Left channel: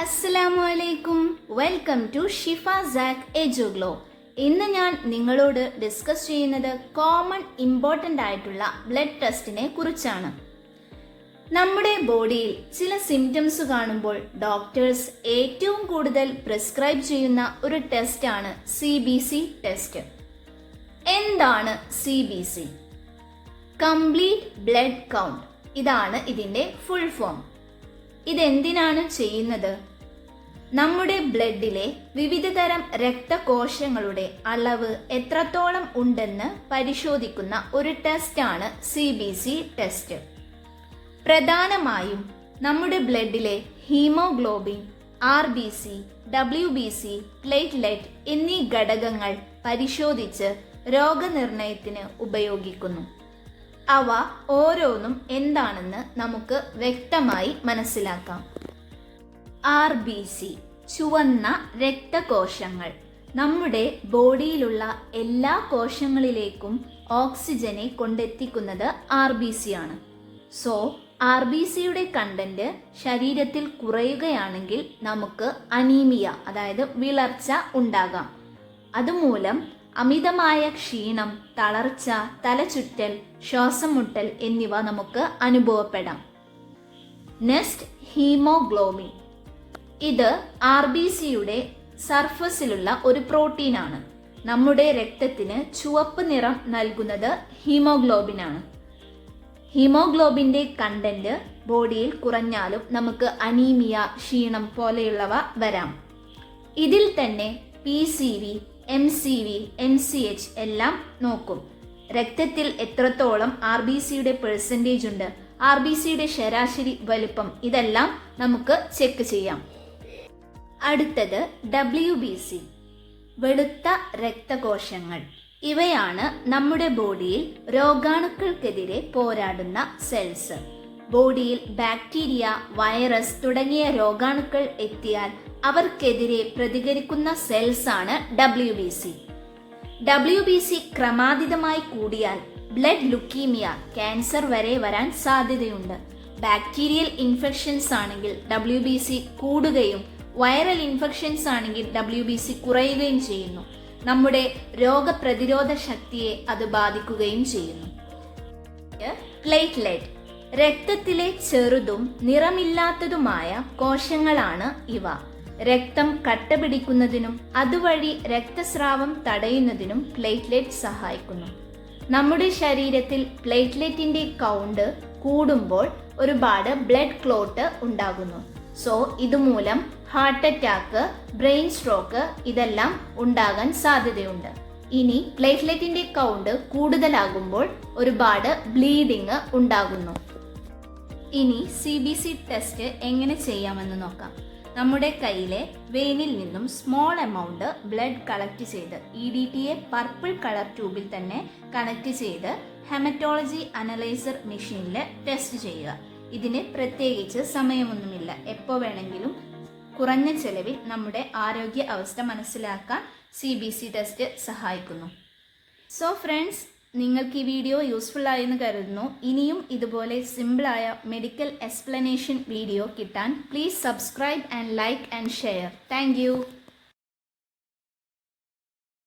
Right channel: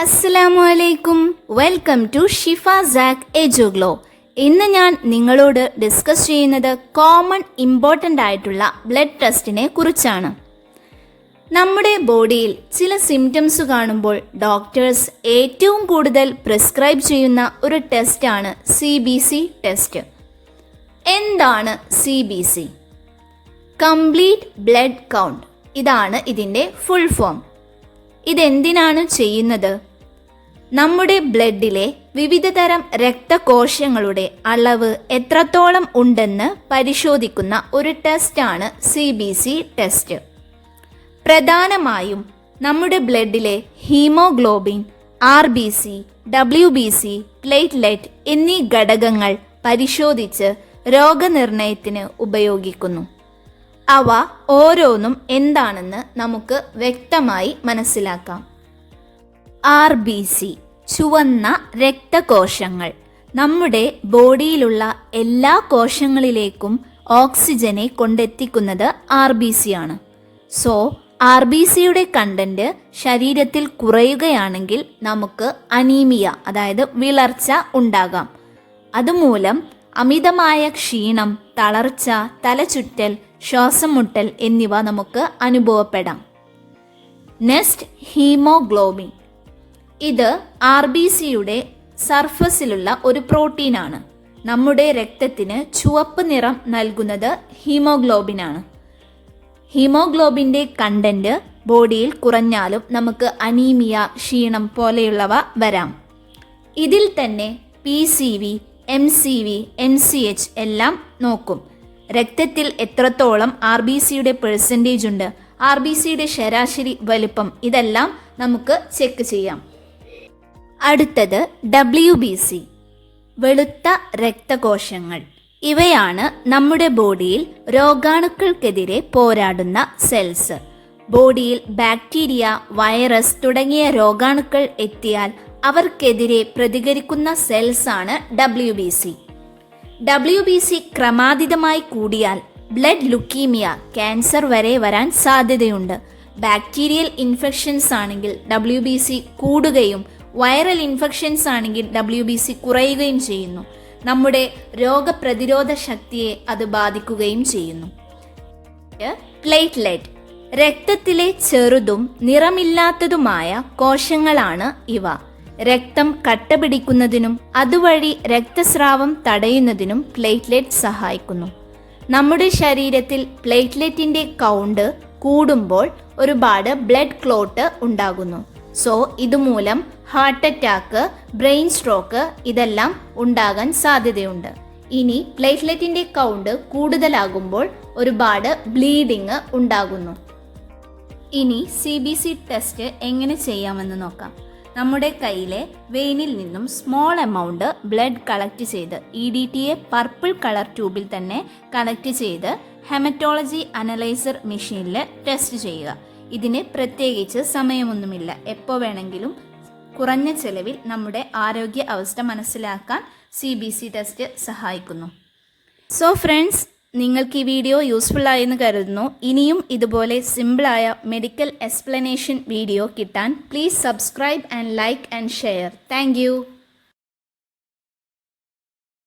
അസ്സലാമു അലൈക്കും. Welcome to Shifa സാക്ക് എജുഗ്ലോ. ഇന്ന് ഞാൻ നിങ്ങളോട് ഡിസ്കസ് ചെയ്യുന്നത് കോമൺ ഇമ്പോർട്ടൻ്റ് ആയിട്ടുള്ള ബ്ലഡ് ടെസ്റ്റിനെ കുറിച്ചാണ്. നമ്മുടെ ബോഡിയിൽ ചില സിംറ്റംസ് കാണുമ്പോൾ ഡോക്ടേഴ്സ് ഏറ്റവും കൂടുതൽ പ്രിസ്ക്രൈബ് ചെയ്യുന്ന ഒരു ടെസ്റ്റാണ് CBC ടെസ്റ്റ്. എന്താണ് CBC? Complete blood count. ഇതാണ് ഇതിൻ്റെ ഫുൾ ഫോം. ഇതെന്തിനാണ് ചെയ്യുന്നത്? നമ്മുടെ ബ്ലഡിലെ വിവിധതരം രക്തകോശങ്ങളുടെ അളവ് എത്രത്തോളം ഉണ്ടെന്ന് പരിശോധിക്കുന്ന ഒരു ടെസ്റ്റാണ് CBC ടെസ്റ്റ്. പ്രധാനമായും നമ്മുടെ ബ്ലഡിലെ ഹീമോഗ്ലോബിൻ, RBC, WBC, പ്ലേറ്റ്ലെറ്റ് എന്നീ ഘടകങ്ങൾ പരിശോധിച്ച് രോഗനിർണയത്തിന് ഉപയോഗിക്കുന്നു. അവ ഓരോന്നും എന്താണെന്ന് നമുക്ക് വ്യക്തമായി മനസ്സിലാക്കാം. RBC ചുവന്ന രക്തകോശങ്ങൾ. നമ്മുടെ ബോഡിയിലുള്ള എല്ലാ കോശങ്ങളിലേക്കും ഓക്സിജനെ കൊണ്ടെത്തിക്കുന്നത് RBC ആണ്. സോ RBCയുടെ കണ്ടന്റ് ശരീരത്തിൽ കുറയുകയാണെങ്കിൽ നമുക്ക് അനീമിയ, അതായത് വിളർച്ച ഉണ്ടാകാം. അതുമൂലം അമിതമായ ക്ഷീണം, തളർച്ച, തലചുറ്റൽ, ശ്വാസം മുട്ടൽ എന്നിവ നമുക്ക് അനുഭവപ്പെടാം. Next, haemoglobin. ഇത് RBCയുടെ സർഫസിലുള്ള ഒരു പ്രോട്ടീനാണ്. നമ്മുടെ രക്തത്തിന് ചുവപ്പ് നിറം നൽകുന്നത് ഹീമോഗ്ലോബിനാണ്. ഹീമോഗ്ലോബിൻ്റെ കണ്ടന്റ് ബോഡിയിൽ കുറഞ്ഞാലും നമുക്ക് അനീമിയ, ക്ഷീണം പോലെയുള്ളവ വരാം. ഇതിൽ തന്നെ PCV, MCV, NCH എല്ലാം നോക്കും. രക്തത്തിൽ എത്രത്തോളം RBCയുടെ പെർസെൻറ്റേജ് ഉണ്ട്, RBCയുടെ ശരാശരി വലുപ്പം, ഇതെല്ലാം നമുക്ക് ചെക്ക് ചെയ്യാം. അടുത്തത് WBC, വെളുത്ത രക്തകോശങ്ങൾ. ഇവയാണ് നമ്മുടെ ബോഡിയിൽ രോഗാണുക്കൾക്കെതിരെ പോരാടുന്ന സെൽസ്. ബോഡിയിൽ ബാക്ടീരിയ, വൈറസ് തുടങ്ങിയ രോഗാണുക്കൾ എത്തിയാൽ അവർക്കെതിരെ പ്രതികരിക്കുന്ന സെൽസാണ് WBC. WBC ക്രമാതീതമായി കൂടിയാൽ ബ്ലഡ് ലുക്കീമിയ, ക്യാൻസർ വരെ വരാൻ സാധ്യതയുണ്ട്. ബാക്ടീരിയൽ ഇൻഫെക്ഷൻസ് ആണെങ്കിൽ WBC കൂടുകയും വൈറൽ ഇൻഫെക്ഷൻസ് ആണെങ്കിൽ WBC കുറയുകയും ചെയ്യുന്നു. നമ്മുടെ രോഗപ്രതിരോധ ശക്തിയെ അത് ബാധിക്കുകയും ചെയ്യുന്നു. പ്ലേറ്റ്ലെറ്റ്, രക്തത്തിലെ ചെറുതും നിറമില്ലാത്തതുമായ കോശങ്ങളാണ് ഇവ. രക്തം കട്ടപിടിക്കുന്നതിനും അതുവഴി രക്തസ്രാവം തടയുന്നതിനും പ്ലേറ്റ്ലെറ്റ് സഹായിക്കുന്നു. നമ്മുടെ ശരീരത്തിൽ പ്ലേറ്റ്ലെറ്റിൻ്റെ കൗണ്ട് കൂടുമ്പോൾ ഒരുപാട് ബ്ലഡ് ക്ലോട്ട് ഉണ്ടാകുന്നു. സോ ഇതുമൂലം ഹാർട്ട് അറ്റാക്ക്, ബ്രെയിൻ സ്ട്രോക്ക് ഇതെല്ലാം ഉണ്ടാകാൻ സാധ്യതയുണ്ട്. ഇനി പ്ലേറ്റ്ലെറ്റിൻ്റെ കൗണ്ട് കൂടുതലാകുമ്പോൾ ഒരുപാട് ബ്ലീഡിങ് ഉണ്ടാകുന്നു. ഇനി CBC ടെസ്റ്റ് എങ്ങനെ ചെയ്യാമെന്ന് നോക്കാം. നമ്മുടെ കയ്യിലെ വെയിനിൽ നിന്നും സ്മോൾ എമൗണ്ട് ബ്ലഡ് കളക്ട് ചെയ്ത് EDTA പർപ്പിൾ കളർ ട്യൂബിൽ തന്നെ കളക്ട് ചെയ്ത് ഹെമറ്റോളജി അനലൈസർ മെഷീനിൽ ടെസ്റ്റ് ചെയ്യുക. ഇതിന് പ്രത്യേകിച്ച് സമയമൊന്നുമില്ല. എപ്പോൾ വേണമെങ്കിലും കുറഞ്ഞ ചെലവിൽ നമ്മുടെ ആരോഗ്യ അവസ്ഥ മനസ്സിലാക്കാൻ CBC ടെസ്റ്റ് സഹായിക്കുന്നു. സോ ഫ്രണ്ട്സ്, നിങ്ങൾക്ക് ഈ വീഡിയോ യൂസ്ഫുൾ ആയെന്ന് കരുതുന്നു. ഇനിയും ഇതുപോലെ സിമ്പിളായ മെഡിക്കൽ എക്സ്പ്ലനേഷൻ വീഡിയോ കിട്ടാൻ please subscribe and like and share. Thank you.